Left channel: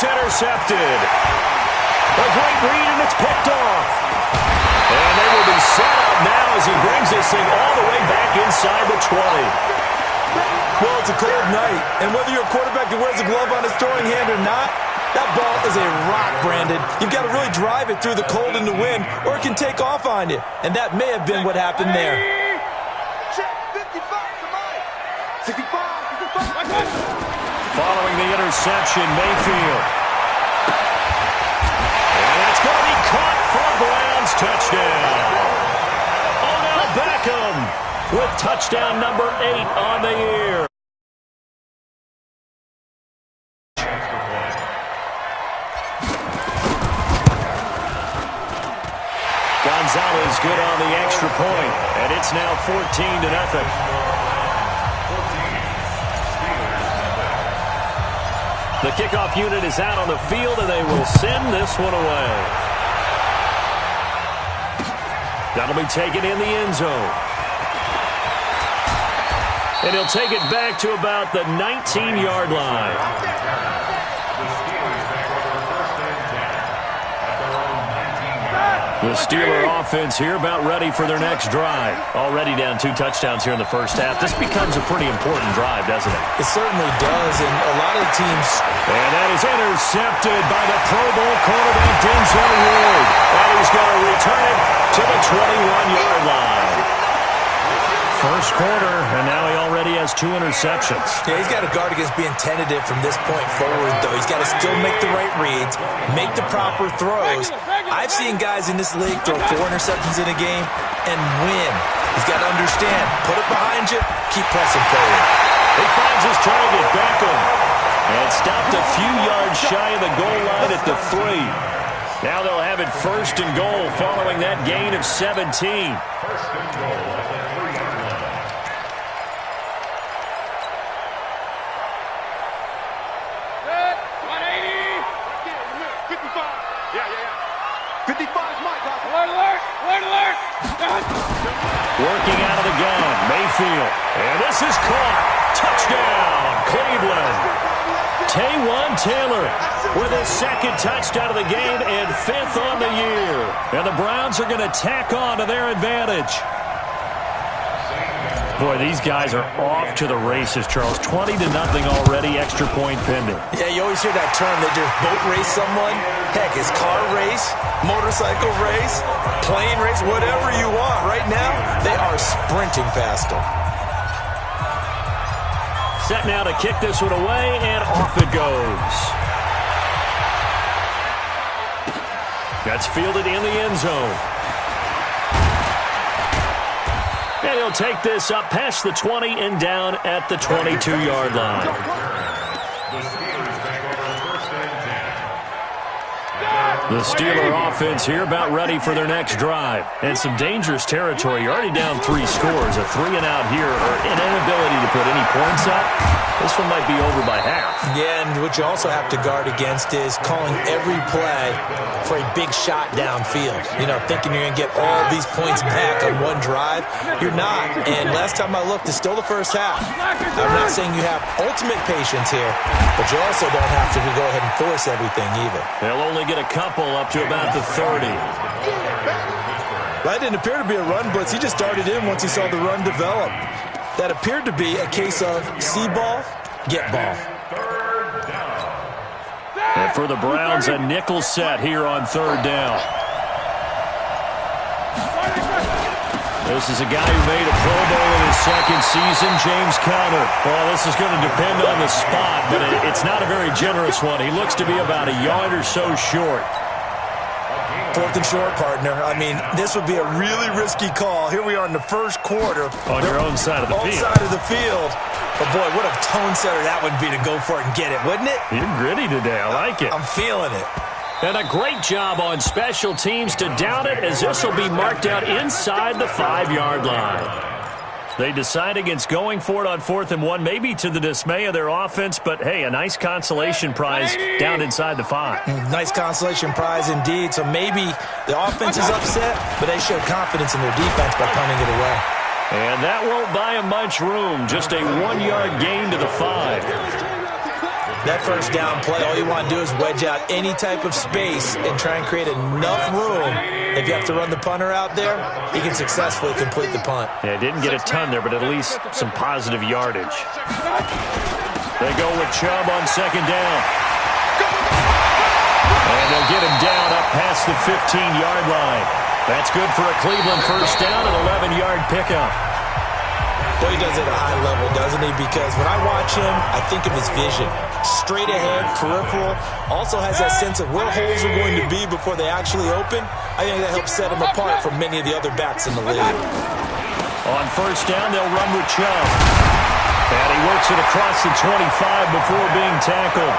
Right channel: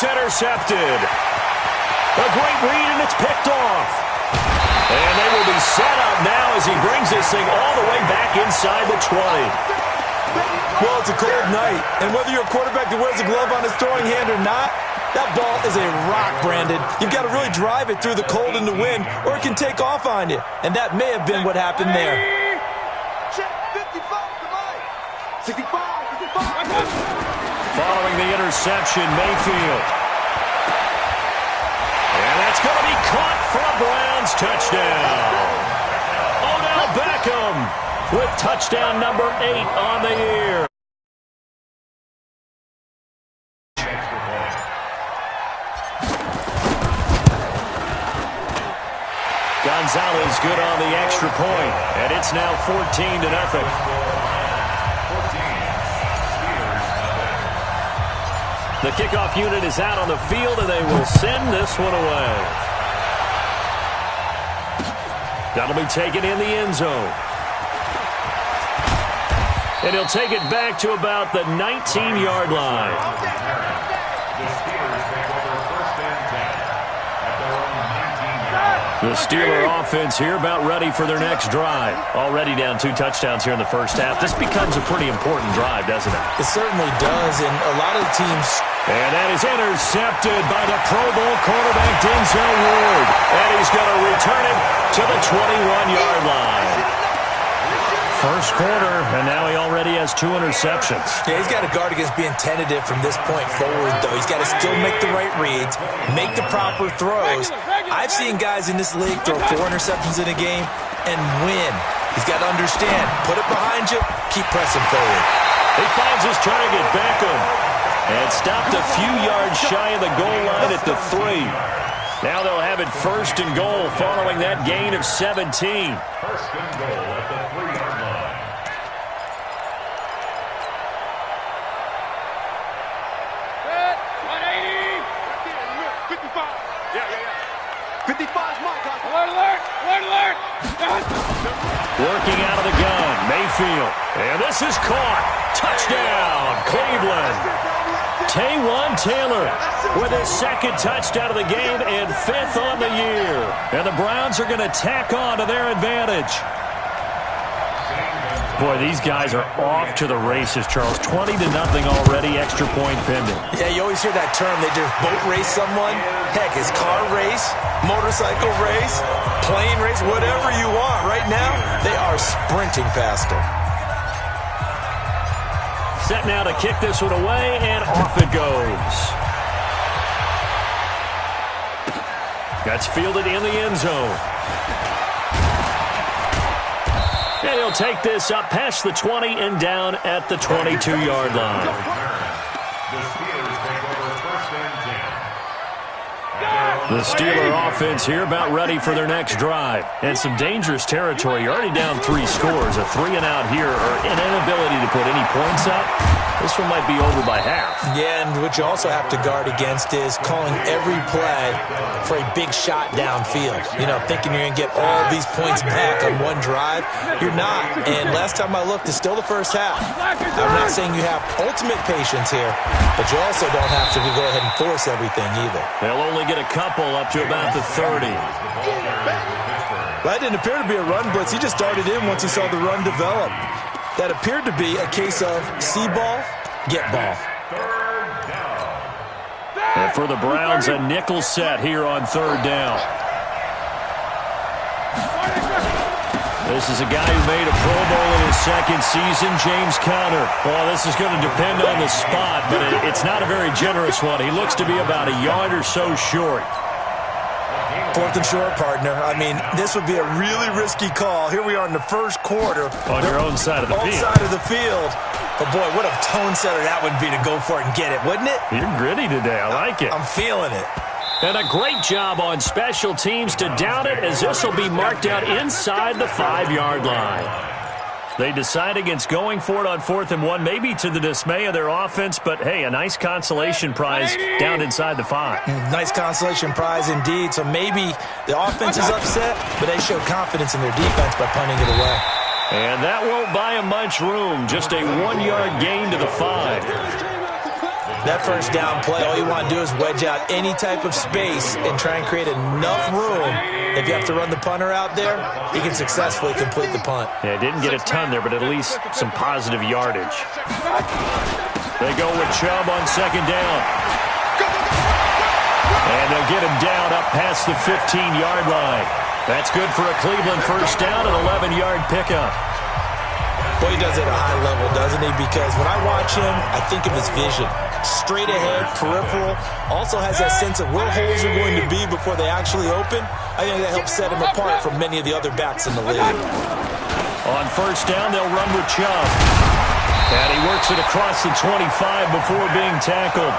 it's intercepted. A great read, and it's picked off. And they will be set up now as he brings this thing all the way back inside the 20. Well, it's a cold night, and whether you're a quarterback that wears a glove on his throwing hand or not, that ball is a rock, Brandon. You've got to really drive it through the cold and the wind, or it can take off on you. And that may have been what happened there. Check 55 to Mike. 65, 65. Following the interception, Mayfield. And that's going to be caught for a Browns touchdown. Odell Beckham with touchdown number 8 on the year. Gonzalez good on the extra point, and it's now 14-0. The kickoff unit is out on the field, and they will send this one away. That'll be taken in the end zone. And he'll take it back to about the 19-yard line. The Steeler offense here about ready for their next drive. Already down 2 touchdowns here in the first half. This becomes a pretty important drive, doesn't it? It certainly does, and a lot of the teams... And that is intercepted by the Pro Bowl quarterback Denzel Ward. And he's going to return it to the 21-yard line. First quarter, and now he already has 2 interceptions. Yeah, he's got to guard against being tentative from this point forward, though. He's got to still make the right reads, make the proper throws. I've seen guys in this league throw 4 interceptions in a game and win. He's got to understand, put it behind you, keep pressing forward. He finds his target, Beckham, and stopped a few yards shy of the goal line at the 3. Now they'll have it first and goal following that gain of 17. First and goal at the 3-yard line. Good. 180. Right there in the middle. 55. Yeah. 55's Mike. Alert, alert. Alert, alert. Working out of the gun, Mayfield. And this is caught. Touchdown, Cleveland. Taywan Taylor with his 2nd touchdown of the game and 5th on the year. And the Browns are going to tack on to their advantage. Boy, these guys are off to the races, Charles. 20-0 already, extra point pending. Yeah, you always hear that term. They just boat race someone. Heck, it's car race, motorcycle race, plane race, whatever you want. Right now, they are sprinting past them. Set now to kick this one away, and off it goes. That's fielded in the end zone. And he'll take this up past the 20 and down at the 22-yard line. The Steelers take over first and 10. The Steeler offense here about ready for their next drive. And some dangerous territory. You're already down 3 scores. A 3-and-out here, or an inability to put any points up. This one might be over by half. Yeah, and what you also have to guard against is calling every play for a big shot downfield. You know, thinking you're going to get all these points back on one drive. You're not. And last time I looked, it's still the first half. I'm not saying you have ultimate patience here, but you also don't have to go ahead and force everything either. They'll only get a couple up to about the 30. That didn't appear to be a run blitz. He just darted in once he saw the run develop. That appeared to be a case of see ball, get ball. Third down. And for the Browns, a nickel set here on 3rd down. This is a guy who made a Pro Bowl in his 2nd season, James Conner. Well, this is going to depend on the spot, but it's not a very generous one. He looks to be about a yard or so short. 4th and short, partner. I mean, this would be a really risky call. Here we are in the first quarter. On your own side of the field. Own side of the field. But, boy, what a tone setter that would be to go for it and get it, wouldn't it? You're gritty today. I like it. I'm feeling it. And a great job on special teams to down it, as this will be marked out inside the 5-yard line. They decide against going for it on 4th and 1, maybe to the dismay of their offense, but, hey, a nice consolation prize down inside the 5. Nice consolation prize indeed. So maybe the offense is upset, but they show confidence in their defense by punting it away. And that won't buy them much room. Just a 1-yard gain to the 5. The That first down play, all you want to do is wedge out any type of space and try and create enough room. If you have to run the punter out there, he can successfully complete the punt. Yeah, didn't get a ton there, but at least some positive yardage. They go with Chubb on second down. And they'll get him down up past the 15-yard line. That's good for a Cleveland first down, an 11-yard pickup. Boy, he does it at a high level, doesn't he? Because when I watch him, I think of his vision. Straight ahead, peripheral. Also has that sense of where holes are going to be before they actually open. I think that helps set him apart from many of the other backs in the league. On first down, they'll run with Chubb. And he works it across the 25 before being tackled.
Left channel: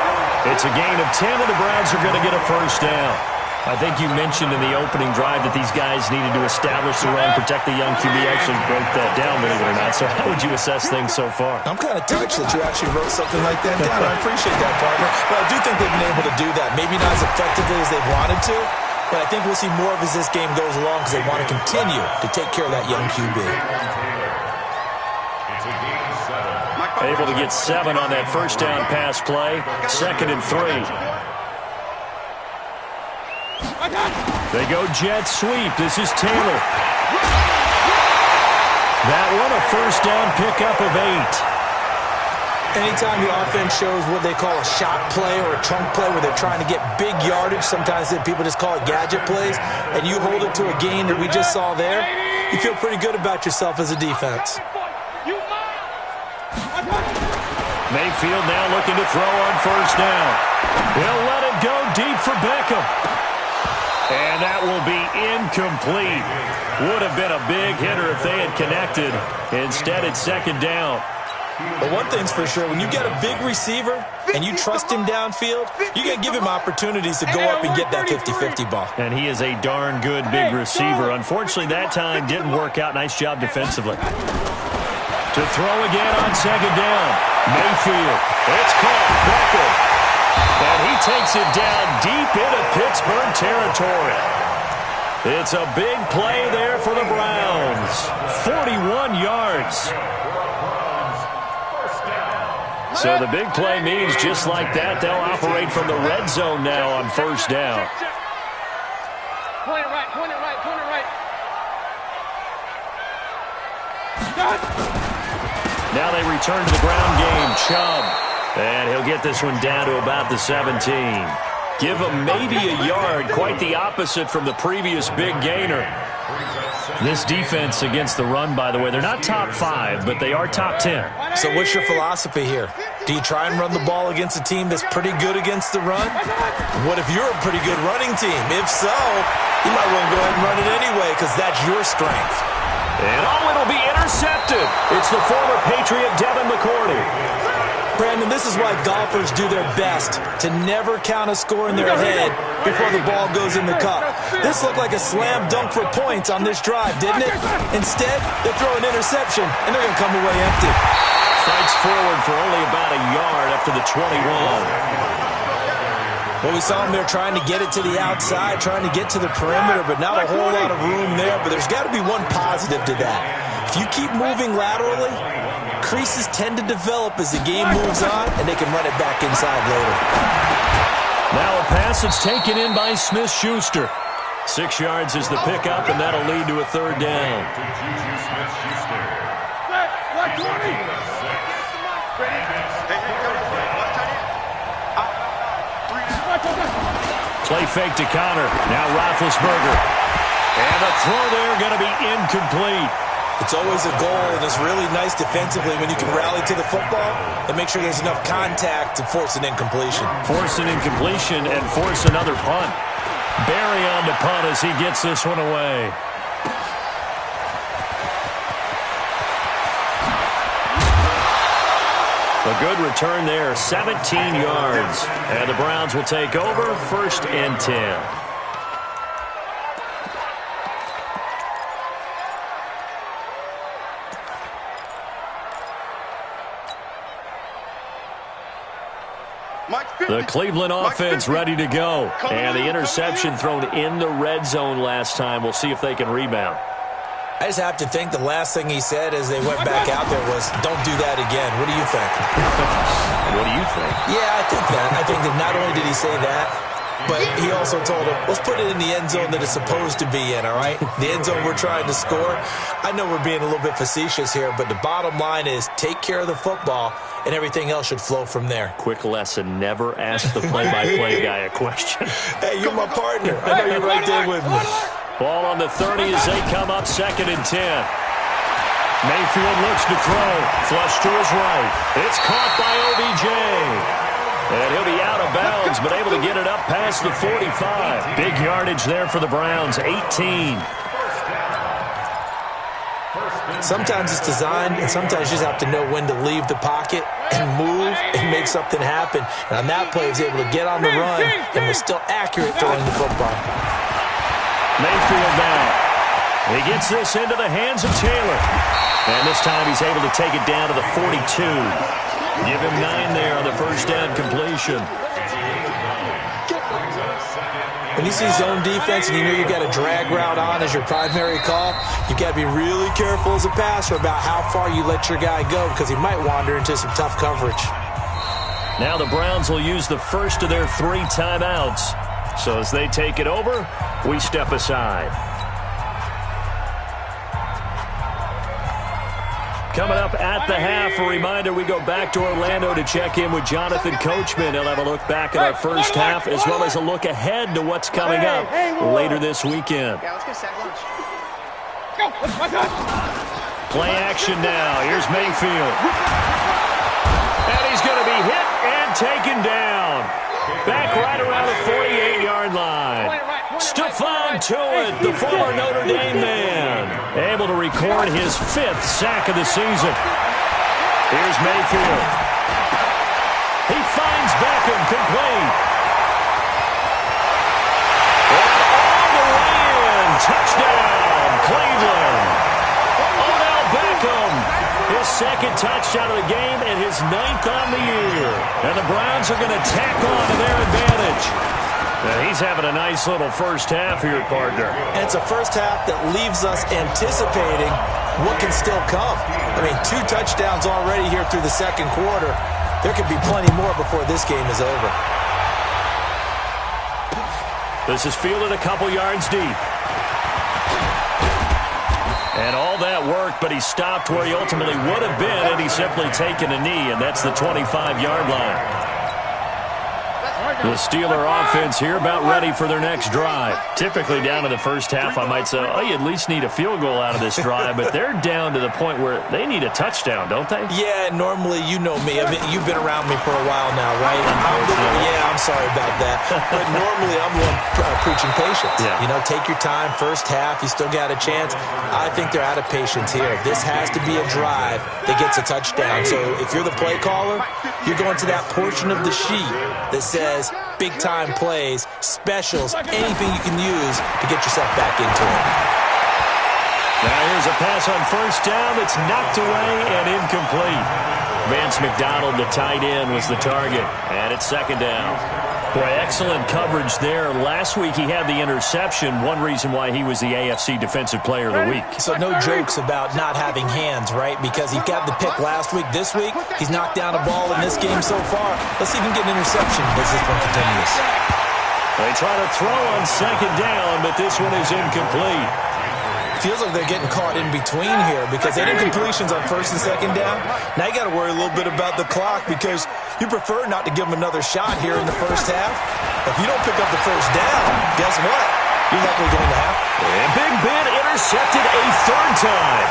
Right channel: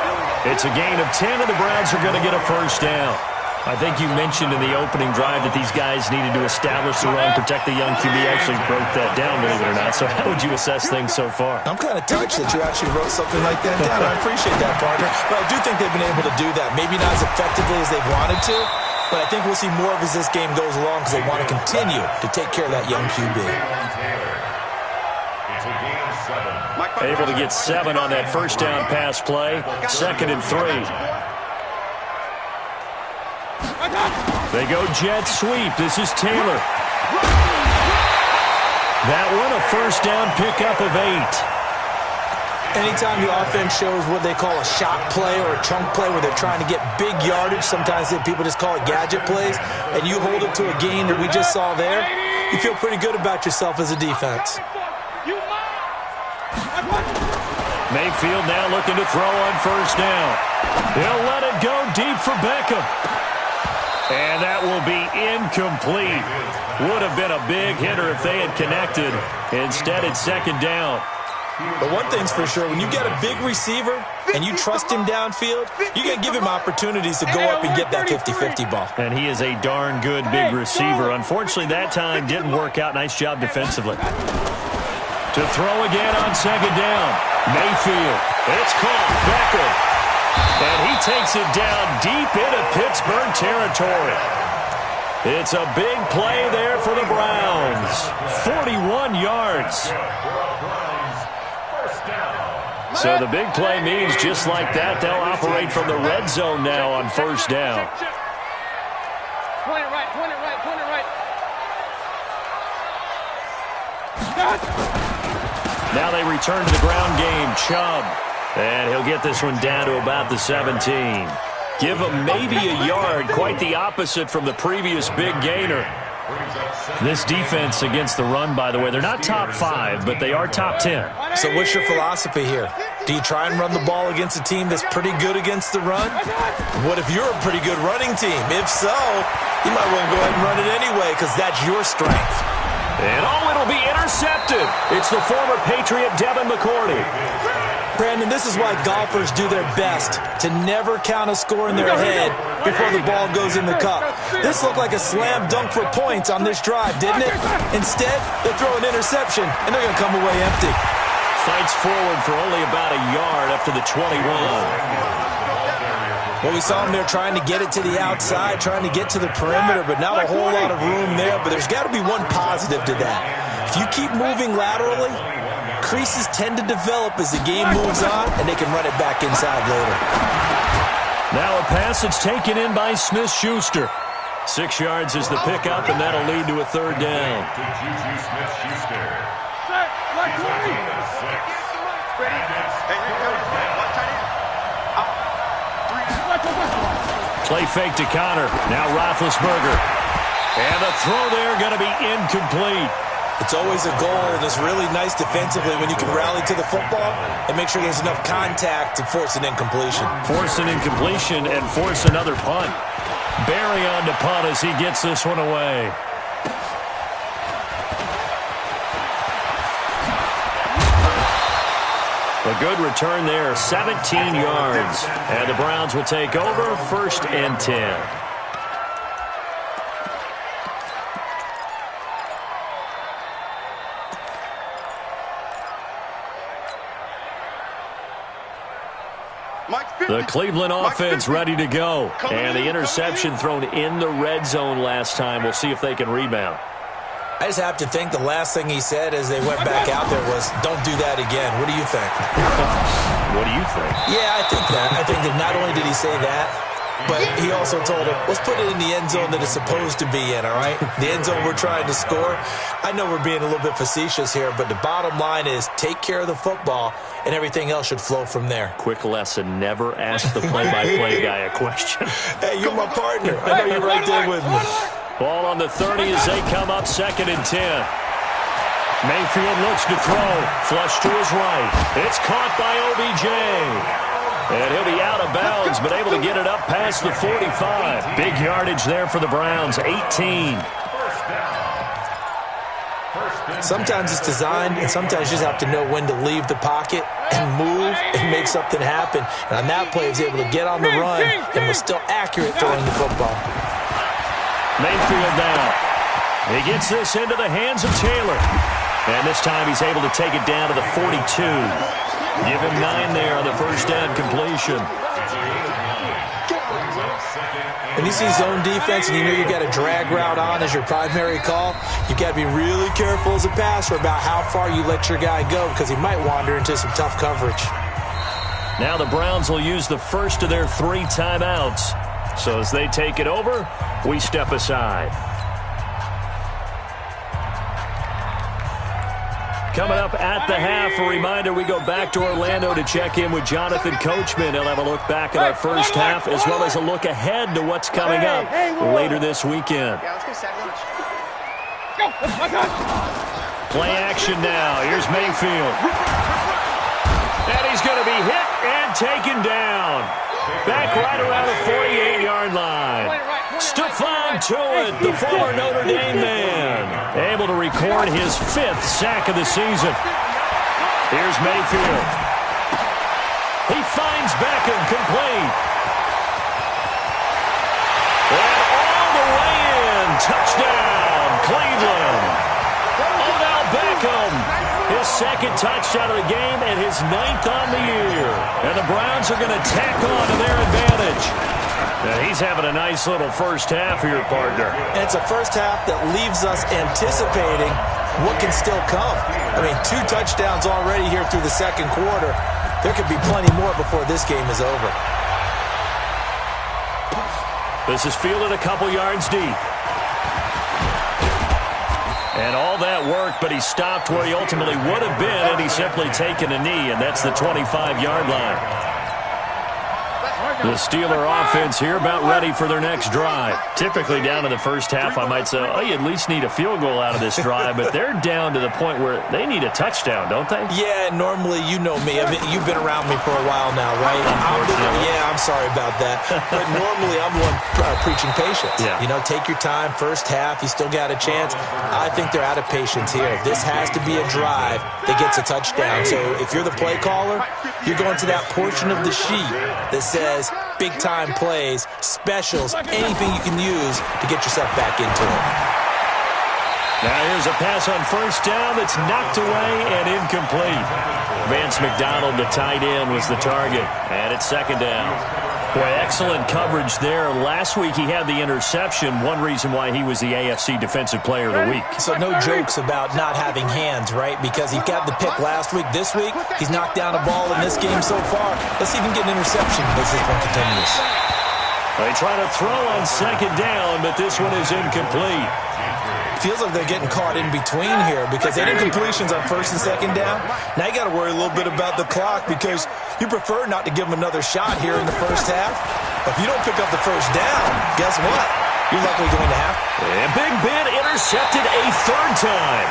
It's a gain of 10, and the Browns are going to get a first down. I think you mentioned in the opening drive that these guys needed to establish the run, protect the young QB. Actually broke that down, believe it or not. So how would you assess things so far? I'm kind of touched that you actually wrote something like that down. I appreciate that, partner. But I do think they've been able to do that. Maybe not as effectively as they wanted to, but I think we'll see more of as this game goes along because they want to continue to take care of that young QB. It's a gain of 7. Able to get 7 on that first down pass play. 2nd and 3. They go jet sweep. This is Taylor. That one, a first down pickup of 8. Anytime the offense shows what they call a shot play or a chunk play where they're trying to get big yardage, sometimes people just call it gadget plays, and you hold it to a gain that we just saw there, you feel pretty good about yourself as a defense. Mayfield now looking to throw on first down. He'll let it go deep for Beckham. And that will be incomplete. Would have been a big hitter if they had connected. Instead, it's second down. But one thing's for sure, when you get a big receiver and you trust him downfield, you got to give him opportunities to go up and get that 50-50 ball. And he is a darn good big receiver. Unfortunately, that time didn't work out. Nice job defensively. To throw again on second down. Mayfield. It's caught. Beckham. And he takes it down deep into Pittsburgh territory. It's a big play there for the Browns. 41 yards. So the big play means just like that, they'll operate from the red zone now on first down. Point it right, point it right, point it right. Now they return to the ground game. Chubb. And he'll get this one down to about the 17. Give him maybe a yard, quite the opposite from the previous big gainer. This defense against the run, by the way, they're not top 5, but they are top 10. So what's your philosophy here? Do you try and run the ball against a team that's pretty good against the run? What if you're a pretty good running team? If so, you might want to go ahead and run it anyway because that's your strength. And it'll be intercepted. It's the former Patriot Devin McCourty. Brandon, this is why golfers do their best to never count a score in their head before the ball goes in the cup. This looked like a slam dunk for points on this drive, didn't it? Instead, they throw an interception, and they're going to come away empty. Fights forward for only about a yard up to the 21. Well, we saw him there trying to get it to the outside, trying to get to the perimeter, but not a whole lot of room there. But there's got to be one positive to that. If you keep moving laterally, creases tend to develop as the game moves on, and they can run it back inside later. Now a pass that's taken in by Smith-Schuster. 6 yards is the pickup, and that'll lead to a third down. To Juju Smith-Schuster. Like 20. Ready? Play fake to Connor. Now Roethlisberger. And the throw there going to be incomplete. It's always a goal, and it's really nice defensively when you can rally to the football and make sure there's enough contact to force an incompletion. Force an incompletion and force another punt. Barry on to punt as he gets this one away. A good return there, 17 yards. And the Browns will take over, 1st and 10. The Cleveland offense ready to go. And the interception thrown in the red zone last time. We'll see if they can rebound. I just have to think the last thing he said as they went back out there was, don't do that again. What do you think? What do you think? Yeah, I think that. I think that not only did he say that, but he also told him, let's put it in the end zone that it's supposed to be in, all right? The end zone we're trying to score. I know we're being a little bit facetious here, but the bottom line is take care of the football, and everything else should flow from there. Quick lesson, never ask the play-by-play guy a question. Hey, you're my partner. I know you're right there with me. Ball on the 30 as they come up 2nd and 10. Mayfield looks to throw. Flush to his right. It's caught by OBJ. And he'll be out of bounds, but able to get it up past the 45. Big yardage there for the Browns, 18. Sometimes it's designed, and sometimes you just have to know when to leave the pocket and move and make something happen. And on that play, he was able to get on the run and was still accurate throwing the football. Mayfield now. He gets this into the hands of Taylor. And this time he's able to take it down to the 42. Give him 9 there on the first down completion. When you see zone defense and you know you've got a drag route on as your primary call, you've got to be really careful as a passer about how far you let your guy go because he might wander into some tough coverage. Now the Browns will use the first of their 3 timeouts. So as they take it over, we step aside. Coming up at the half, a reminder, we go back to Orlando to check in with Jonathan Coachman. He'll have a look back at our first half as well as a look ahead to what's coming up later this weekend. Yeah, let's get a sack lunch. Let's go. Play action now. Here's Mayfield. And he's going to be hit and taken down. Back right around the 48-yard line. Stephon Tuitt, the former Notre Dame man, able to record his 5th sack of the season. Here's Mayfield. He finds Beckham complete. And all the way in. Touchdown, Cleveland. Odell Beckham, his 2nd touchdown of the game and his 9th on the year. And the Browns are going to tack on to their advantage. Now he's having a nice little first half here, partner. And it's a first half that leaves us anticipating what can still come. I mean, 2 touchdowns already here through the 2nd quarter. There could be plenty more before this game is over. This is fielded a couple yards deep. And all that work, but he stopped where he ultimately would have been, and he's simply taken a knee, and that's the 25-yard line. The Steeler offense here about ready for their next drive. Typically down in the first half, I might say, oh, you at least need a field goal out of this drive, but they're down to the point where they need a touchdown, don't they? Yeah, normally, you know me. I mean, you've been around me for a while now, right? I'm sorry about that. But normally, I'm the one preaching patience. Yeah. You know, take your time. First half, you still got a chance. I think they're out of patience here. This has to be a drive that gets a touchdown. So if you're the play caller, you're going to that portion of the sheet that says big-time plays, specials, anything you can use to get yourself back into it. Now here's a pass on first down that's knocked away and incomplete. Vance McDonald, the tight end, was the target, and it's 2nd down. Boy, excellent coverage there. Last week he had the interception, one reason why he was the AFC Defensive Player of the Week. So no jokes about not having hands, right? Because he got the pick last week. This week, he's knocked down a ball in this game so far. Let's see if he can get an interception as this one continues. They try to throw on 2nd down, but this one is incomplete. Feels like they're getting caught in between here because they did incompletions on 1st and 2nd down. Now you got to worry a little bit about the clock because you prefer not to give them another shot here in the first half. If you don't pick up the first down, guess what? You're likely going to have. And Big Ben intercepted a 3rd time.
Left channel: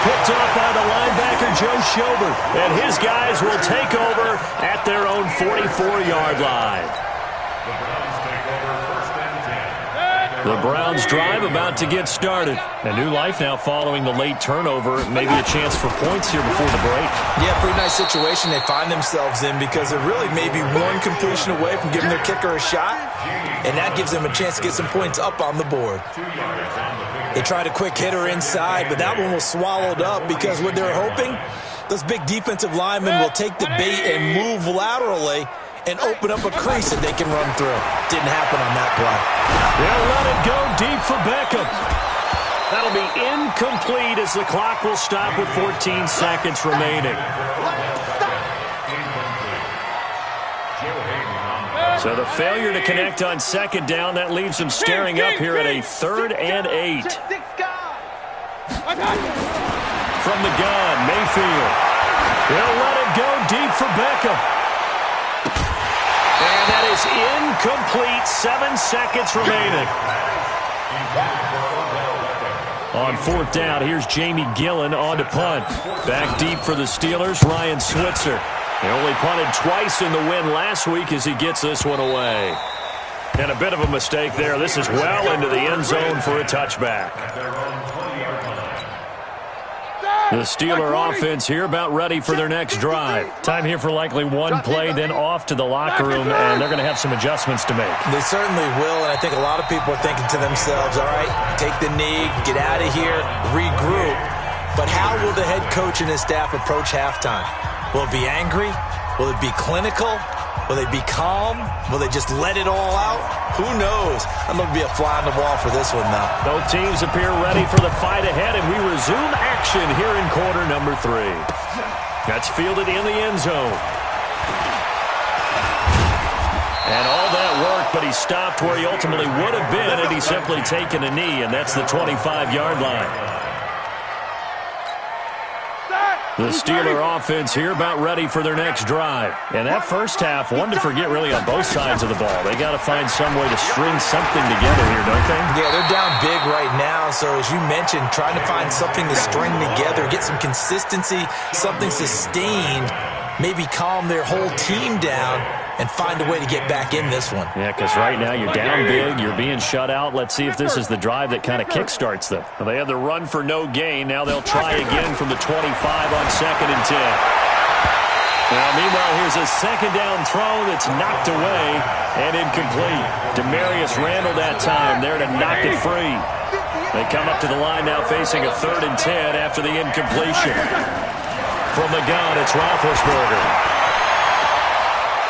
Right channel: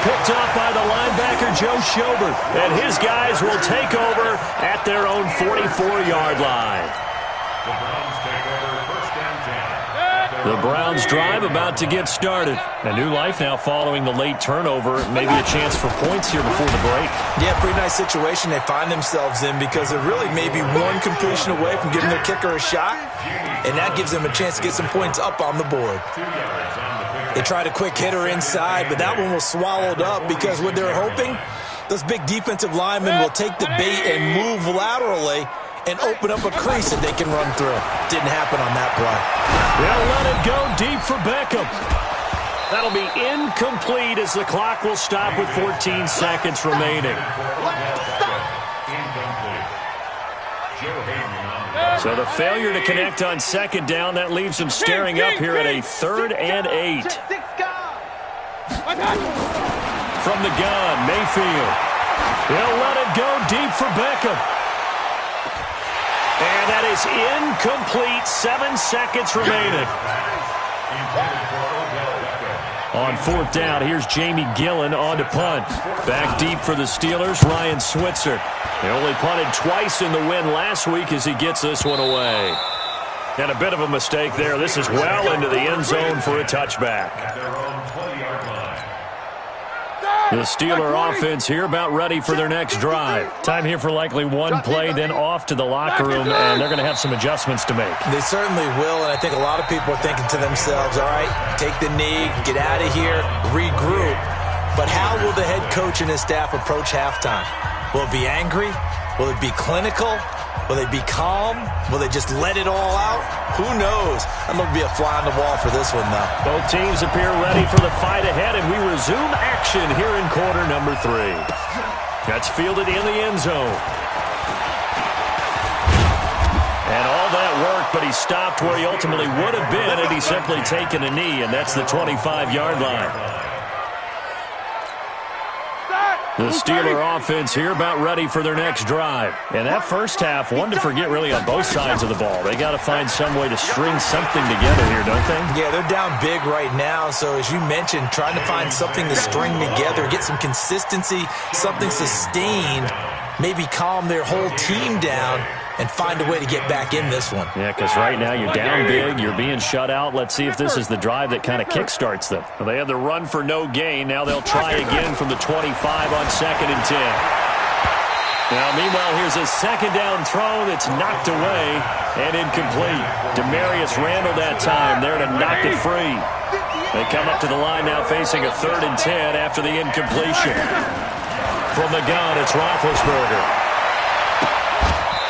Picked off by the linebacker Joe Schobert. And his guys will take over at their own 44-yard line. The Browns take over 1st and 10. The Browns drive about to get started. A new life now following the late turnover. Maybe a chance for points here before the break. Yeah, pretty nice situation they find themselves in because they're really maybe one completion away from giving their kicker a shot, and that gives them a chance to get some points up on the board. 2 yards on the pickup. They tried a quick hitter inside, but that one was swallowed up because what they're hoping, those big defensive linemen will take the bait and move laterally and open up a crease that they can run through. Didn't happen on that play. They'll let it go deep for Beckham. That'll be incomplete as the clock will stop with 14 seconds remaining. Incomplete. So the failure to connect on second down, that leaves him staring up here at a 3rd and 8. From the gun, Mayfield. He'll let it go deep for Beckham. And that is incomplete. 7 seconds remaining. On 4th down, here's Jamie Gillen on to punt. Back deep for the Steelers, Ryan Switzer. He only punted twice in the win last week as he gets this one away. And a bit of a mistake there. This is well into the end zone for a touchback. The Steeler offense here about ready for their next drive. Time here for likely one play, then off to the locker room, and they're going to have some adjustments to make. They certainly will, and I think a lot of people are thinking to themselves, all right, take the knee, get out of here, regroup. But how will the head coach and his staff approach halftime? Will it be angry? Will it be clinical? Will they be calm? Will they just let it all out? Who knows? I'm going to be a fly on the wall for this one, though. Both teams appear ready for the fight ahead, and we resume action here in quarter number 3. That's fielded in the end zone. And all that worked, but he stopped where he ultimately would have been had he simply taken a knee, and that's the 25-yard line. The Steeler offense here about ready for their next drive. And that first half, one to forget really on both sides of the ball. They got to find some way to string something together here, don't they? Yeah, they're down big right now. So as you mentioned, trying to find something to string together, get some consistency, something sustained, maybe calm their whole team down and find a way to get back in this one. Yeah, because right now you're down big, you're being shut out. Let's see if this is the drive that kind of kickstarts them. Well, they had the run for no gain. Now they'll try again from the 25 on 2nd and 10. Now, meanwhile, here's a second down throw that's knocked away and incomplete. Demarius Randall that time there to knock it free. They come up to the line now facing a 3rd and 10 after the incompletion. From the gun, it's Roethlisberger.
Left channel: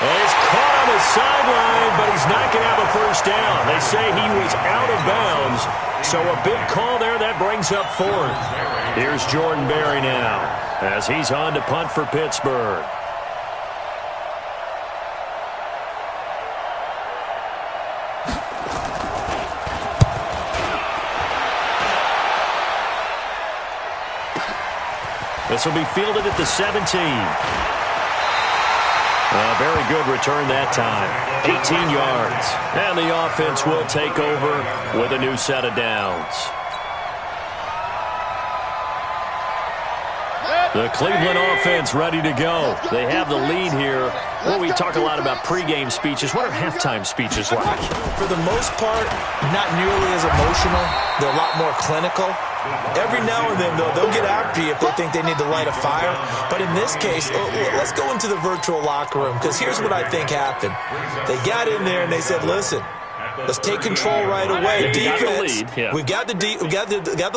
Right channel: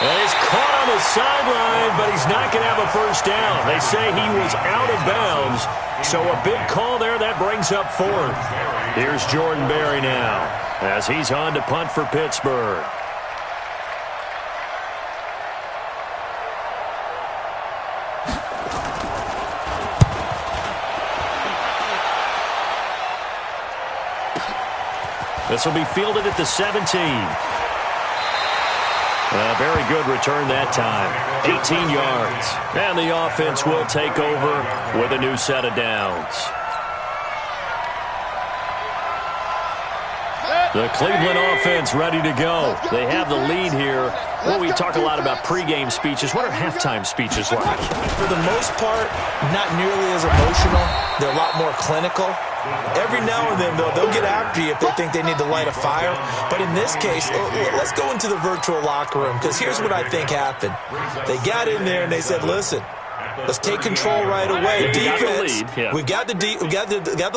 And he's caught on the sideline, but he's not going to have a first down. They say he was out of bounds, so a big call there. That brings up 4th. Here's Jordan Berry now as he's on to punt for Pittsburgh. This will be fielded at the 17. A very good return that time. 18 yards. And the offense will take over with a new set of downs. The Cleveland offense ready to go. They have the lead here. Well, we talk a lot about pregame speeches. What are halftime speeches like? For the most part, not nearly as emotional. They're a lot more clinical. Every now and then, though, they'll get after you if they think they need to light a fire. But in this case, let's go into the virtual locker room, because here's what I think happened. They got in there and they said, listen, let's take control right away. Defense, we got the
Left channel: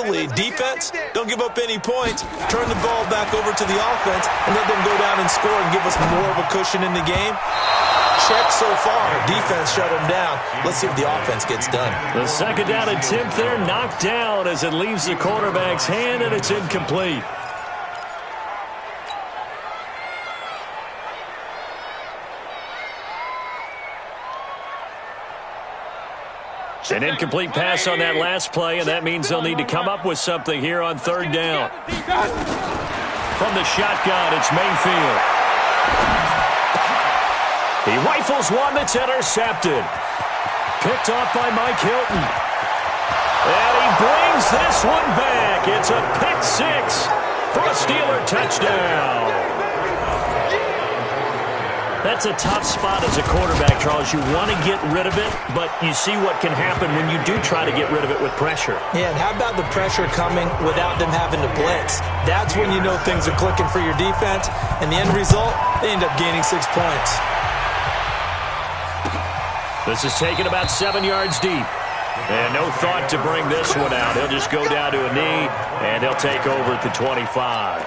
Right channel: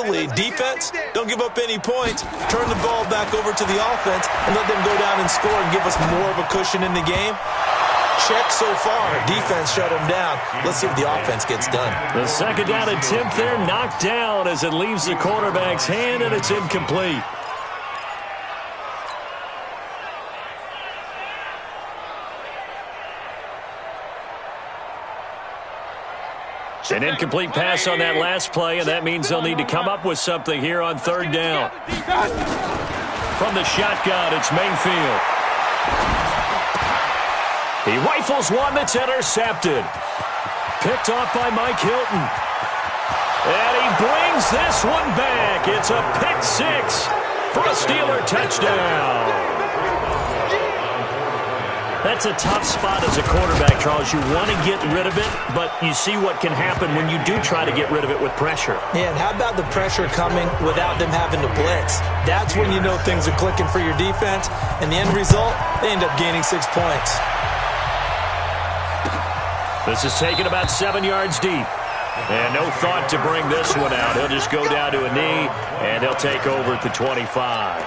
lead. Defense, don't give up any points. Turn the ball back over to the offense and let them go down and score and give us more of a cushion in the game. Check so far. Defense shut them down. Let's see if the offense gets done. The second down attempt there knocked down as it leaves the quarterback's hand, and it's incomplete. An incomplete pass on that last play, and that means they'll need to come up with something here on 3rd down. From the shotgun, it's Mayfield. He rifles one that's intercepted. Picked off by Mike Hilton. And he brings this one back. It's a pick 6 for a Steeler touchdown. That's a tough spot as a quarterback, Charles. You want to get rid of it, but you see what can happen when you do try to get rid of it with pressure. Yeah, and how about the pressure coming without them having to blitz? That's when you know things are clicking for your defense, and the end result, they end up gaining 6 points. This is taken about 7 yards deep. And no thought to bring this one out. He'll just go down to a knee, and they'll take over at the 25.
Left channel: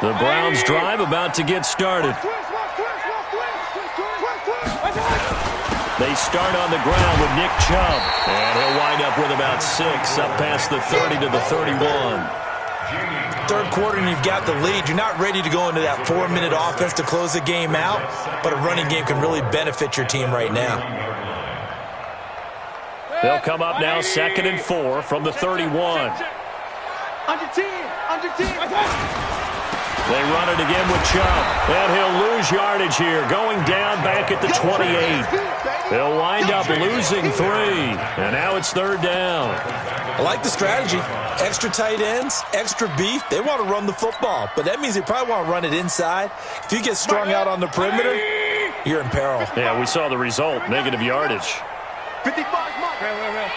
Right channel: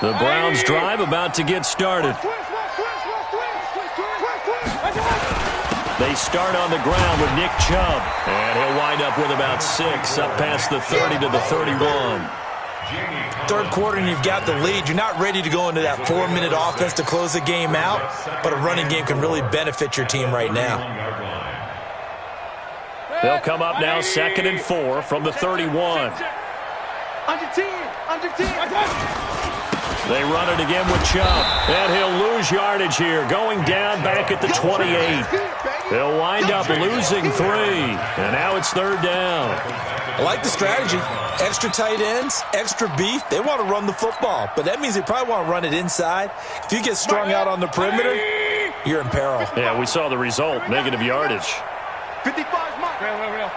The Browns drive about to get started. They start on the ground with Nick Chubb. And he'll wind up with about 6 up past the 30 to the 31. Third quarter and you've got the lead. You're not ready to go into that 4-minute offense to close the game out, but a running game can really benefit your team right now. They'll come up now 2nd and 4 from the 31. Under 10, under 10. They run it again with Chubb, and he'll lose yardage here, going down back at the 28. They'll wind up losing 3, and now it's 3rd down. I like the strategy. Extra tight ends, extra beef. They want to run the football, but that means they probably want to run it inside. If you get strung out on the perimeter, you're in peril. Yeah, we saw the result, negative yardage. 55's Mike. Real.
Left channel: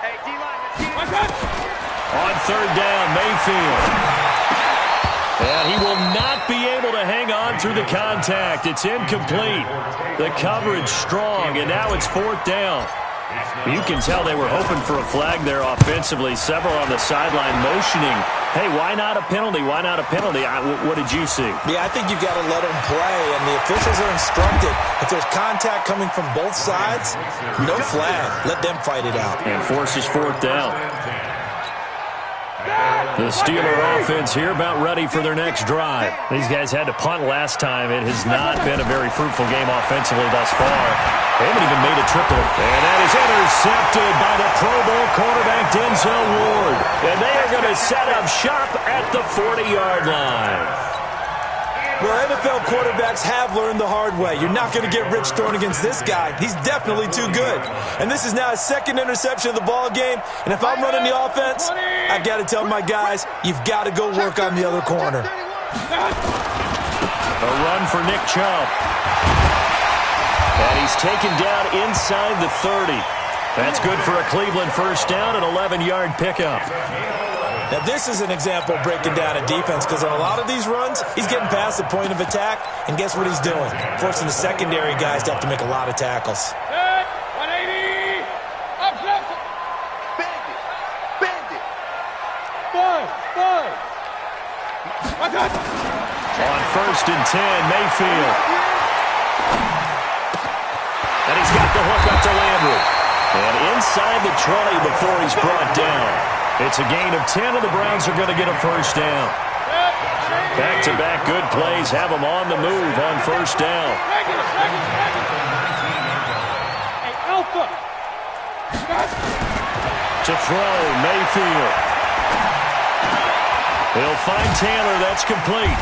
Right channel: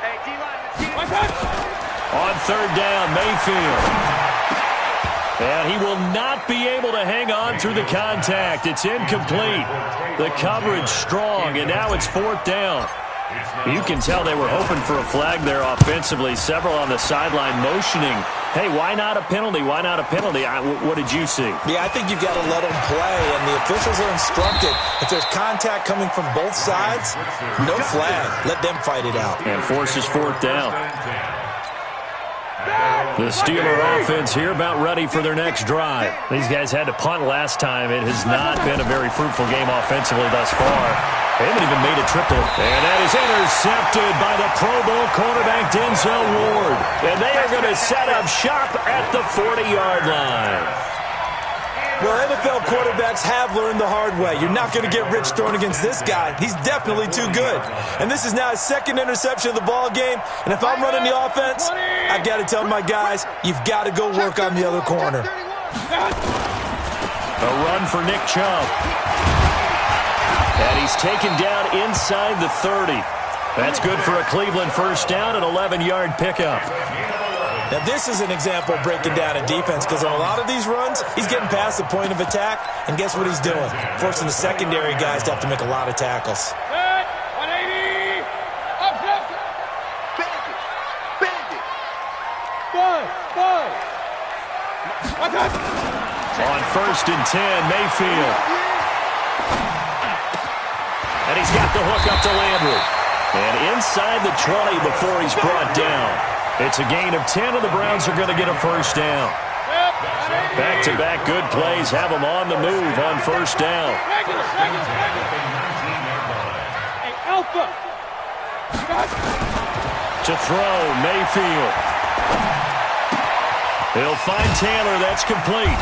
Hey, D-line, let's get it. On 3rd down, Mayfield. And he will not be able to hang on through the contact. It's incomplete. The coverage strong, and now it's 4th down. You can tell they were hoping for a flag there offensively. Several on the sideline motioning. Hey, why not a penalty? Why not a penalty? What did you see? Yeah, I think you've got to let them play, and the officials are instructed. If there's contact coming from both sides, no flag. Let them fight it out. And forces 4th down. The Steeler offense here about ready for their next drive. These guys had to punt last time. It has not been a very fruitful game offensively thus far. They haven't even made a triple. And that is intercepted by the Pro Bowl cornerback Denzel Ward. And they are going to set up shop at the 40-yard line. Well, NFL quarterbacks have learned the hard way. You're not going to get rich throwing against this guy. He's definitely too good. And this is now his 2nd interception of the ball game. And if I'm running the offense, I've got to tell my guys, you've got to go work on the other corner. A run for Nick Chubb. And he's taken down inside the 30. That's good for a Cleveland 1st down, an 11-yard pickup. Now, this is an example of breaking down a defense because on a lot of these runs, he's getting past the point of attack, and guess what he's doing? Forcing the secondary guys to have to make a lot of tackles. 180. Up, left. Bandit. 5. On 1st and 10, Mayfield. And he's got the hook up to Landry. And inside the 20 before he's brought down. It's a gain of 10, and the Browns are going to get a 1st down. Back-to-back good plays have them on the move on 1st down. Hey, Alpha. To throw, Mayfield. He'll find Taylor. That's complete.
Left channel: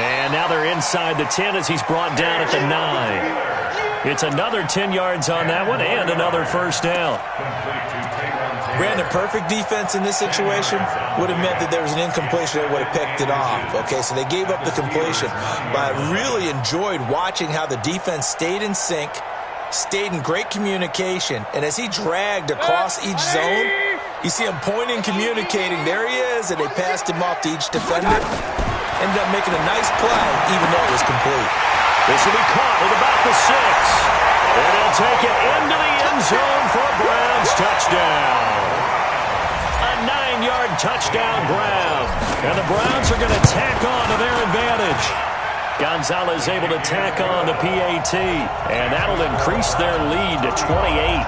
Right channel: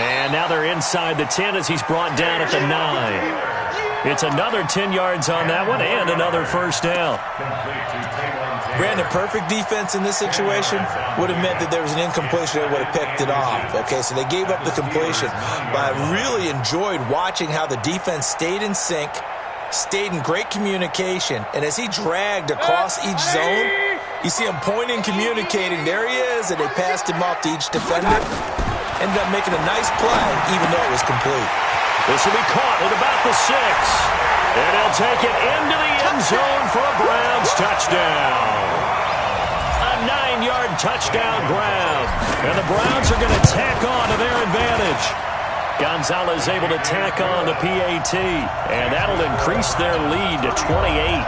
And now they're inside the 10 as he's brought down at the 9. It's another 10 yards on that one and another 1st down. Brandon, perfect defense in this situation would have meant that there was an incompletion that would have picked it off. Okay, so they gave up the completion. But I really enjoyed watching how the defense stayed in sync, stayed in great communication, and as he dragged across each zone, you see him pointing, communicating. There he is, and they passed him off to each defender. Ended up making a nice play, even though it was complete. This will be caught at about the 6. And he'll take it into the end zone for a Browns touchdown. A 9-yard touchdown grab. And the Browns are going to tack on to their advantage. Gonzalez able to tack on the PAT. And that'll increase their lead to 28.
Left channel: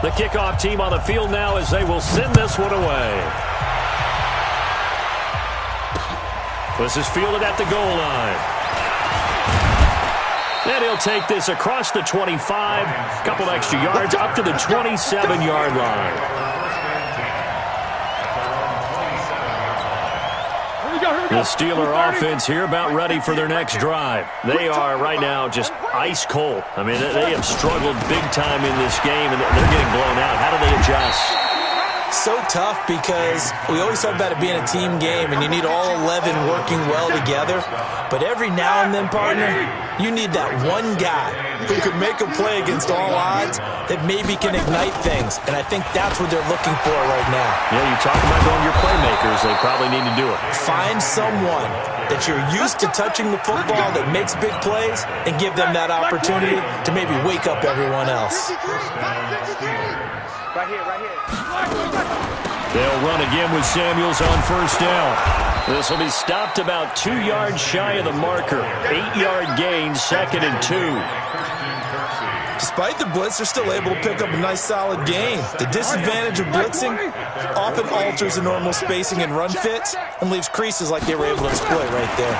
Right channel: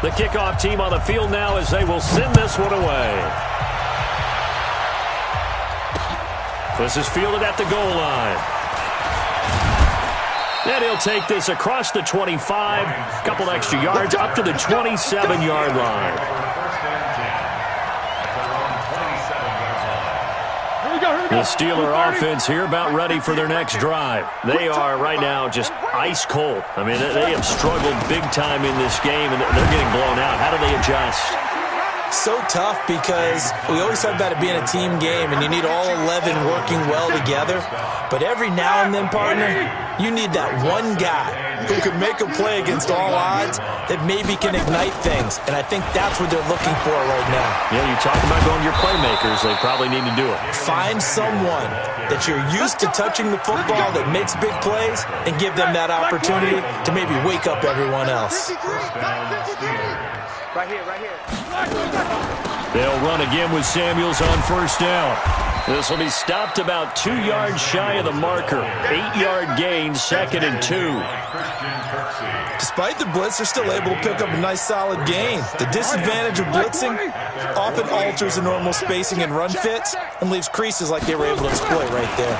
The kickoff team on the field now as they will send this one away. This is fielded at the goal line. And he'll take this across the 25, couple extra yards, up to the 27-yard line. The Steeler offense here about ready for their next drive. They are right now just ice cold. I mean, they have struggled big time in this game, and they're getting blown out. How do they adjust? So tough because we always talk about it being a team game and you need all 11 working well together. But every now and then, partner, you need that one guy who can make a play against all odds that maybe can ignite things. And I think that's what they're looking for right now. Yeah, you talk about going to your playmakers. They probably need to do it. Find someone that you're used to touching the football that makes big plays and give them that opportunity to maybe wake up everyone else. Right here. They'll run again with Samuels on 1st down. This will be stopped about 2 yards shy of the marker. 8-yard gain, 2nd and 2. Despite the blitz, they're still able to pick up a nice solid gain. The disadvantage of blitzing often alters the normal spacing and run fits and leaves creases like they were able to exploit right there.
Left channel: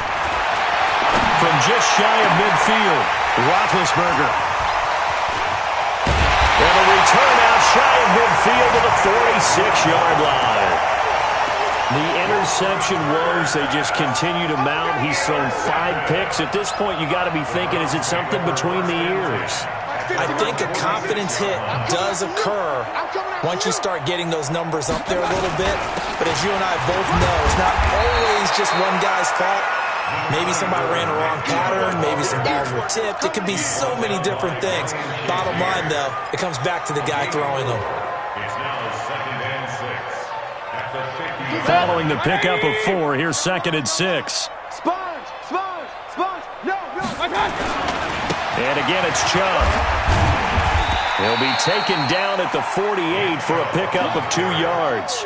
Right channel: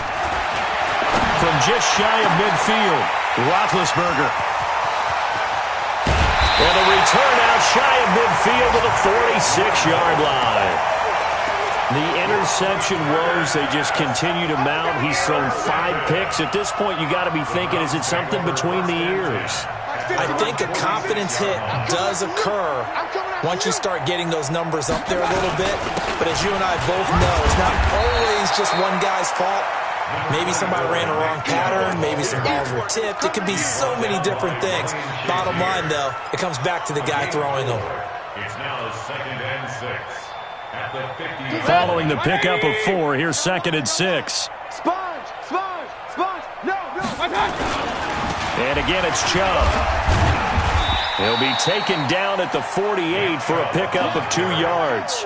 From just shy of midfield, Roethlisberger. And a return out shy of midfield to the 46-yard line. The interception woes, they just continue to mount. He's thrown 5 picks. At this point, you got to be thinking, is it something between the ears? I think a confidence hit does occur once you start getting those numbers up there a little bit. But as you and I both know, it's not always just one guy's fault. Maybe somebody ran a wrong pattern. Maybe some balls were tipped. It could be so many different things. Bottom line, though, it comes back to the guy throwing them. It's now 2nd and 6. At the 50. Following the pickup of 4, here's 2nd and 6. Sponge! No! And again, it's Chubb. He'll be taken down at the 48 for a pickup of 2 yards.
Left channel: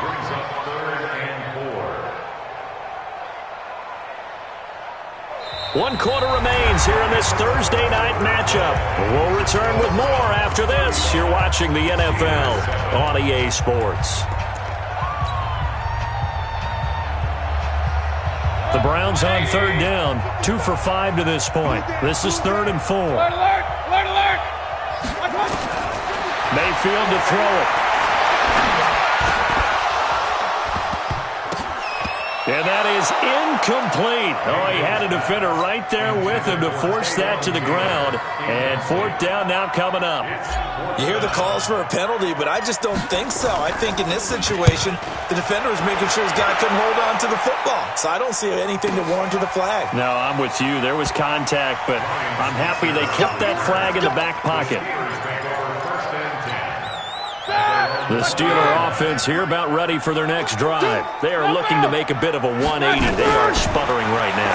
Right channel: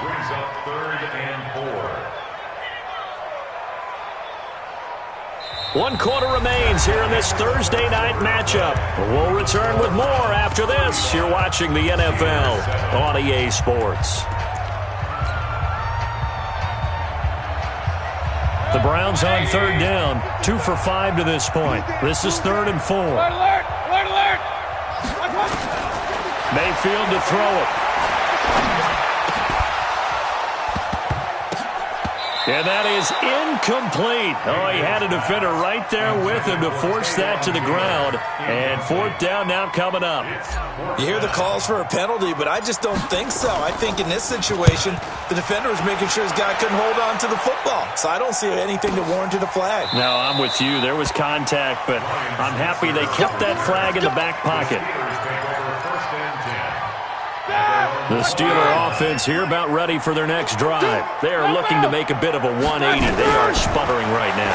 Brings up 3rd and 4. 1 quarter remains here in this Thursday night matchup. We'll return with more after this. You're watching the NFL on EA Sports. The Browns on 3rd down, 2 for 5 to this point. This is 3rd and 4. Alert! Mayfield to throw it. And that is incomplete. Oh, he had a defender right there with him to force that to the ground. And 4th down now coming up. You hear the calls for a penalty, but I just don't think so. I think in this situation, the defender was making sure his guy couldn't hold on to the football. So I don't see anything that warranted a flag. No, I'm with you. There was contact, but I'm happy they kept that flag in the back pocket. The Steeler offense here about ready for their next drive. They are looking to make a bit of a 180. They are sputtering right now.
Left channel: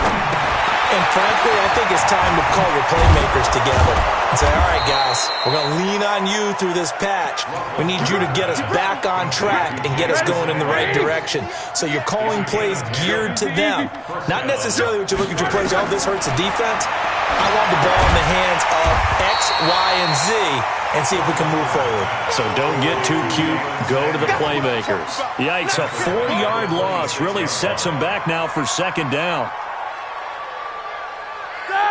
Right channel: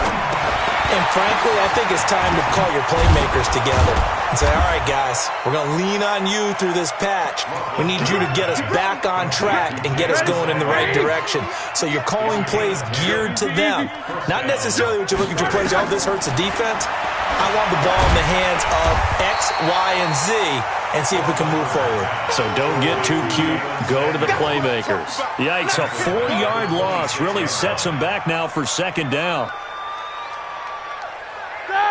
And frankly, I think it's time to call your playmakers together and say, all right, guys, we're going to lean on you through this patch. We need you to get us back on track and get us going in the right direction. So you're calling plays geared to them. Not necessarily what you look at your plays, oh, this hurts the defense. I want the ball in the hands of X, Y, and Z and see if we can move forward. So don't get too cute. Go to the playmakers. Yikes, a 4-yard loss really sets them back now for 2nd down.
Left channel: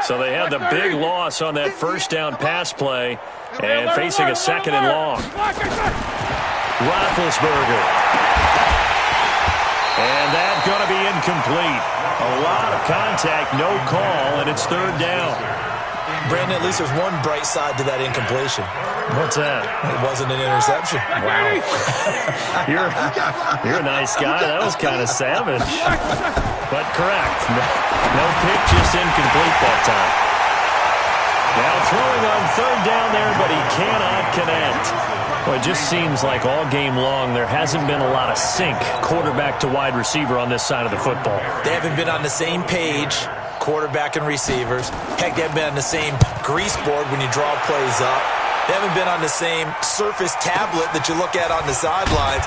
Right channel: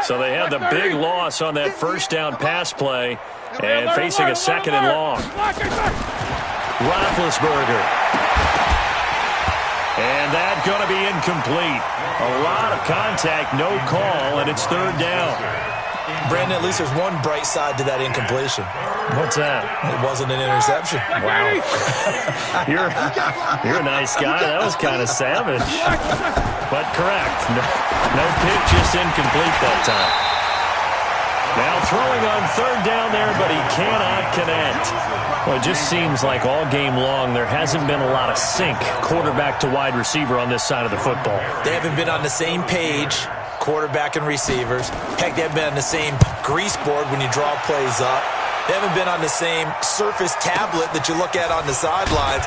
So they had the big loss on that 1st down pass play and facing a 2nd and long. Roethlisberger. And that's going to be incomplete. A lot of contact, no call, and it's 3rd down. Brandon, at least there's one bright side to that incompletion. What's that? It wasn't an interception. Wow. You're a nice guy. That was kind of savage. But correct. No pick, just incomplete that time. Now throwing on 3rd down there, but he cannot connect. Well, it just seems like all game long there hasn't been a lot of sync quarterback to wide receiver on this side of the football. They haven't been on the same page, quarterback and receivers. Heck, they haven't been on the same grease board when you draw plays up. They haven't been on the same surface tablet that you look at on the sidelines.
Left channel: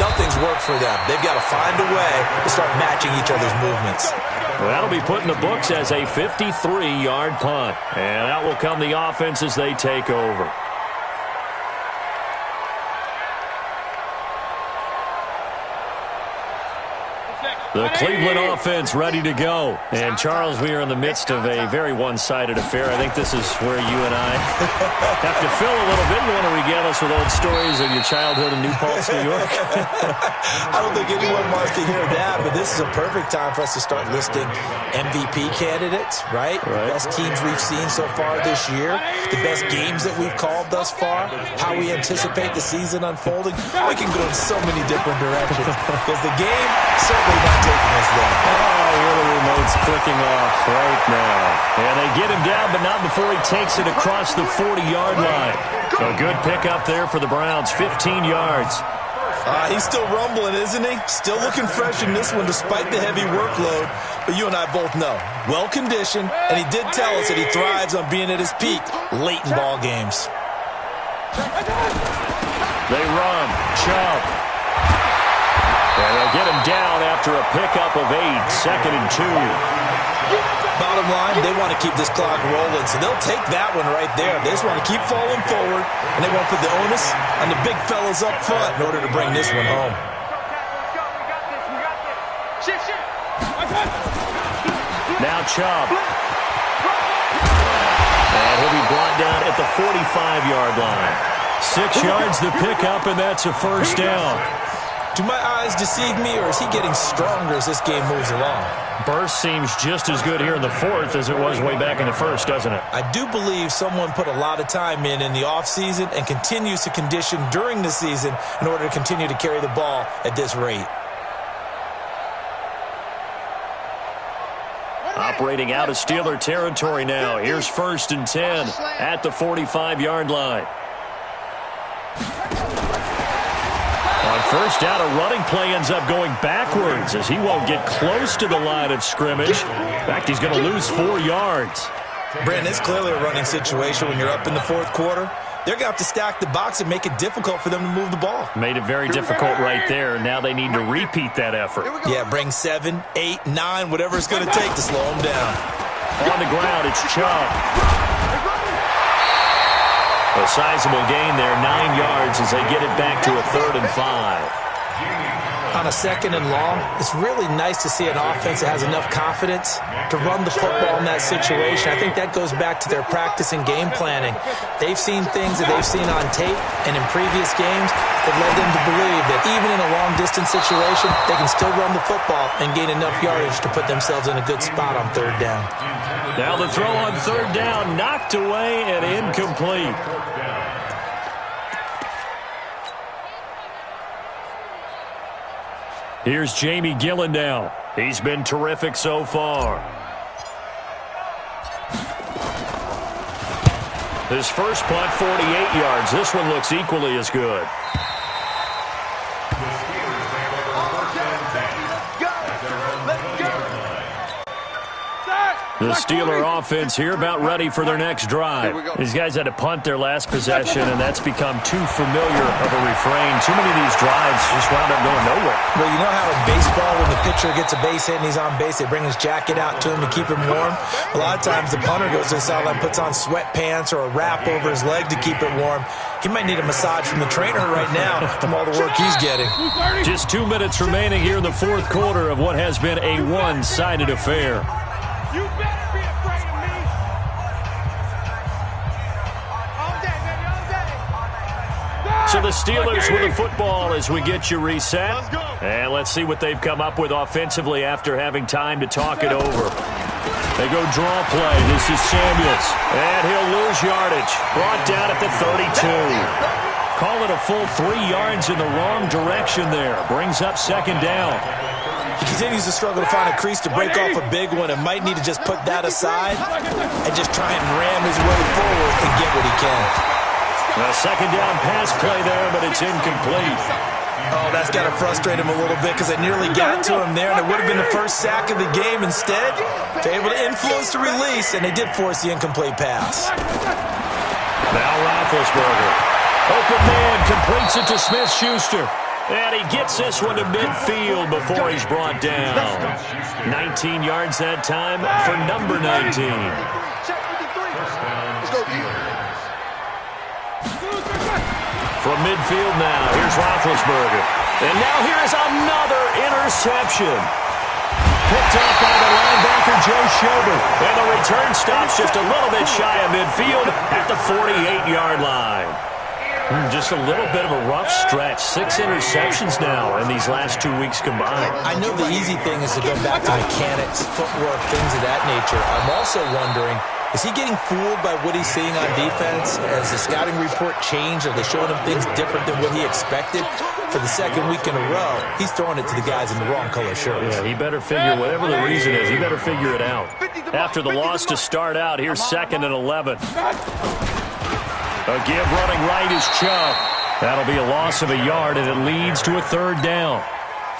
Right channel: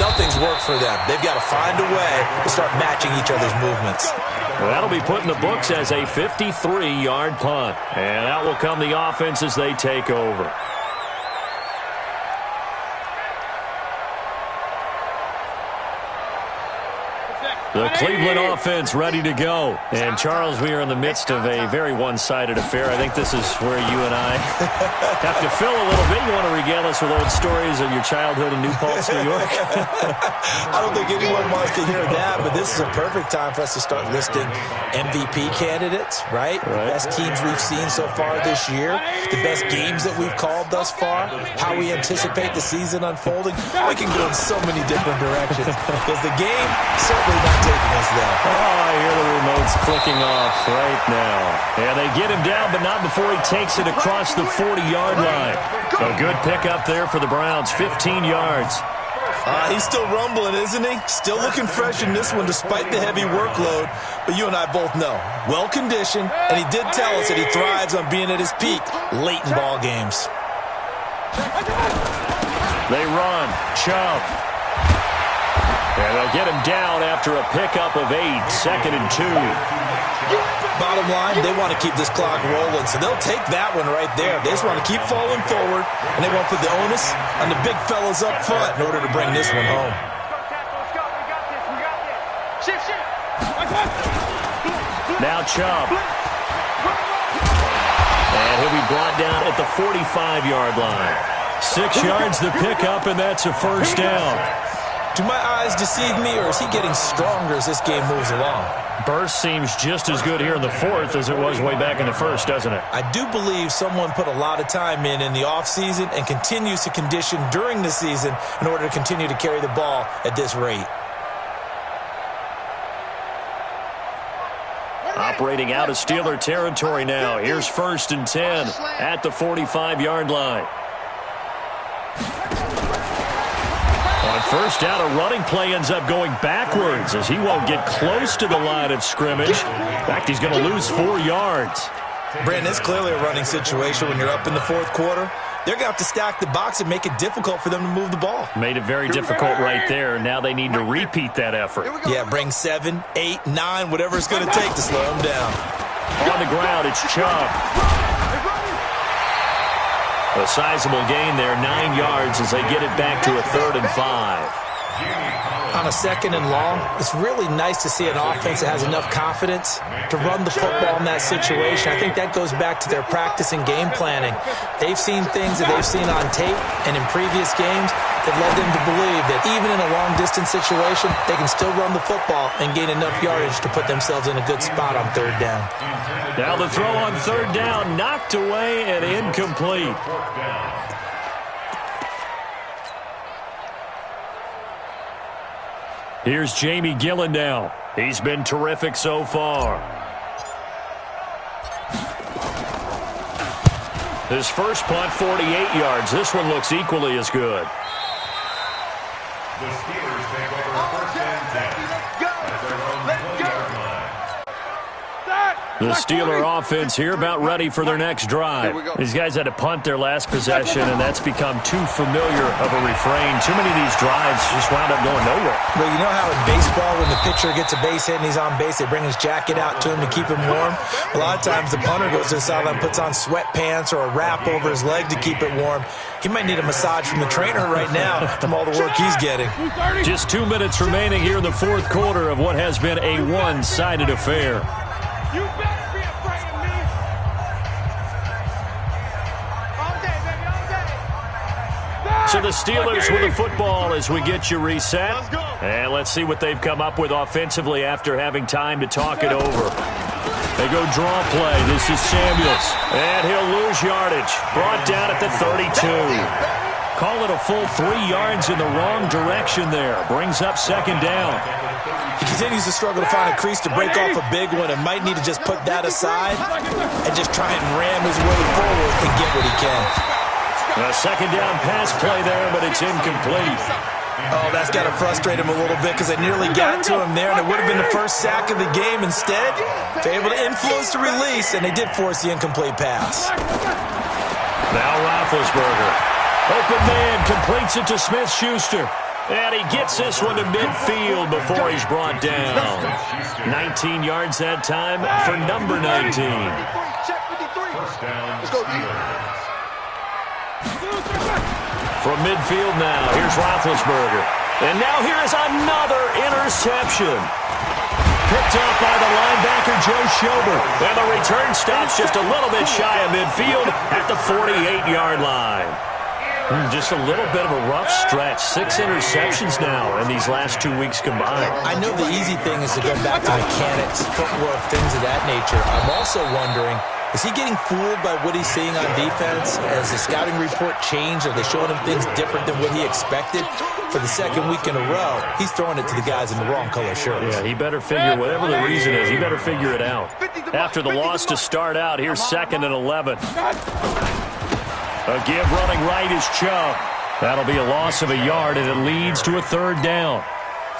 Nothing's worked for them. They've got to find a way to start matching each other's movements. Well, that'll be put in the books as a 53-yard punt. And out will come the offense as they take over. The Cleveland offense ready to go. And, Charles, we are in the midst of a very one-sided affair. I think this is where you and I have to fill a little bit. You want to regale us with old stories of your childhood in New Paltz, New York? I don't think anyone wants to hear that, but this is a perfect time for us to start listing MVP candidates, right? The best teams we've seen so far this year, the best games that we've called thus far, how we anticipate the season unfolding. We can go in so many different directions because the game certainly not taking us there. Oh, I hear the remote's clicking off right now. And they get him down, but not before he takes it across the 40-yard line. A good pickup there for the Browns, 15 yards. He's still rumbling, isn't he? Still looking fresh in this one despite the heavy workload. But you and I both know, well-conditioned, and he did tell us that he thrives on being at his peak late in ball games. They run. Chubb. And they'll get him down after a pickup of 8, 2nd and 2. Bottom line, they want to keep this clock rolling, so they'll take that one right there. They just want to keep falling forward, and they won't put the onus on the big fellas up front in order to bring this one home. Now Chubb. And he'll be brought down at the 45-yard line. 6 yards the pickup, and that's a first down. Do my eyes deceive me, or is he getting stronger as this game moves along? Burst seems just as good here in the 4th as it was way back in the 1st, doesn't it? I do believe someone put a lot of time in the offseason and continues to condition during the season in order to continue to carry the ball at this rate. Operating out of Steeler territory now. Here's 1st and 10 at the 45-yard line. On first down, a running play ends up going backwards as he won't get close to the line of scrimmage. In fact, he's going to lose 4 yards. Brandon, it's clearly a running situation when you're up in the 4th quarter. They're going to have to stack the box and make it difficult for them to move the ball. Made it very difficult right there. Now they need to repeat that effort. Yeah, bring 7, 8, 9, whatever it's going to take to slow them down. On the ground, it's Chubb. A sizable gain there, 9 yards as they get it back to a 3rd and 5. On a 2nd and long, it's really nice to see an offense that has enough confidence to run the football in that situation. I think that goes back to their practice and game planning. They've seen things that they've seen on tape and in previous games that led them to believe that even in a long-distance situation, they can still run the football and gain enough yardage to put themselves in a good spot on 3rd down. Now the throw on 3rd down, knocked away and incomplete. Here's Jamie Gillen now. He's been terrific so far. His first punt, 48 yards. This one looks equally as good. The Steelers take over 1st and 10. At their own 1-yard line. The Steeler offense here about ready for their next drive. These guys had to punt their last possession, and that's become too familiar of a refrain. Too many of these drives just wound up going nowhere. Well, you know how in baseball when the pitcher gets a base hit and he's on base, they bring his jacket out to him to keep him warm? A lot of times the punter goes to the sideline, puts on sweatpants or a wrap over his leg to keep it warm. He might need a massage from the trainer right now from all the work he's getting. Just 2 minutes remaining here in the 4th quarter of what has been a one-sided affair. You better be afraid of me. All day, baby, all day. So the Steelers with the football as we get you reset. Let's go. And let's see what they've come up with offensively after having time to talk it over. They go draw play. This is Samuels. And he'll lose yardage. Brought down at the 32. Call it a full 3 yards in the wrong direction there. Brings up 2nd down. He continues to struggle to find a crease to break off a big one and might need to just put that aside and just try and ram his way forward and get what he can. A 2nd down pass play there, but it's incomplete. Oh, that's got to frustrate him a little bit because they nearly got to him there, and it would have been the first sack of the game. Instead, they're able to influence the release, and they did force the incomplete pass. Now Roethlisberger. Open man, completes it to Smith-Schuster. And he gets this one to midfield before he's brought down. 19 yards that time for number 19. First down, Steelers. From midfield now, here's Roethlisberger. And now here is another interception. Picked up by the linebacker, Joe Schobert. And the return stops just a little bit shy of midfield at the 48-yard line. Just a little bit of a rough stretch. 6 interceptions now in these last 2 weeks combined. I know the easy thing is to go back to mechanics, footwork, things of that nature. I'm also wondering, is he getting fooled by what he's seeing on defense? Has the scouting report changed? Are they showing him things different than what he expected? For the 2nd week in a row, he's throwing it to the guys in the wrong color shirts. Yeah, he better figure, whatever the reason is, he better figure it out. After the loss to start out, here's 2nd and 11. A give running right is Chubb. That'll be a loss of a yard, and it leads to a 3rd down.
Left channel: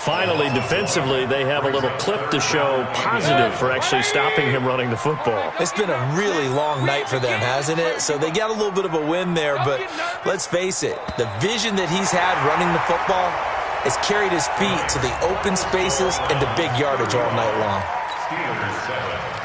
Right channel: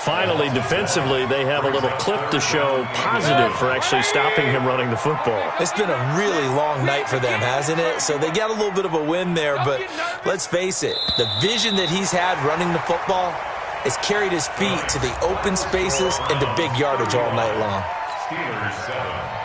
Finally, defensively, they have a little clip to show positive for actually stopping him running the football. It's been a really long night for them, hasn't it? So they got a little bit of a win there, but let's face it, the vision that he's had running the football has carried his feet to the open spaces and to big yardage all night long. Steelers 7.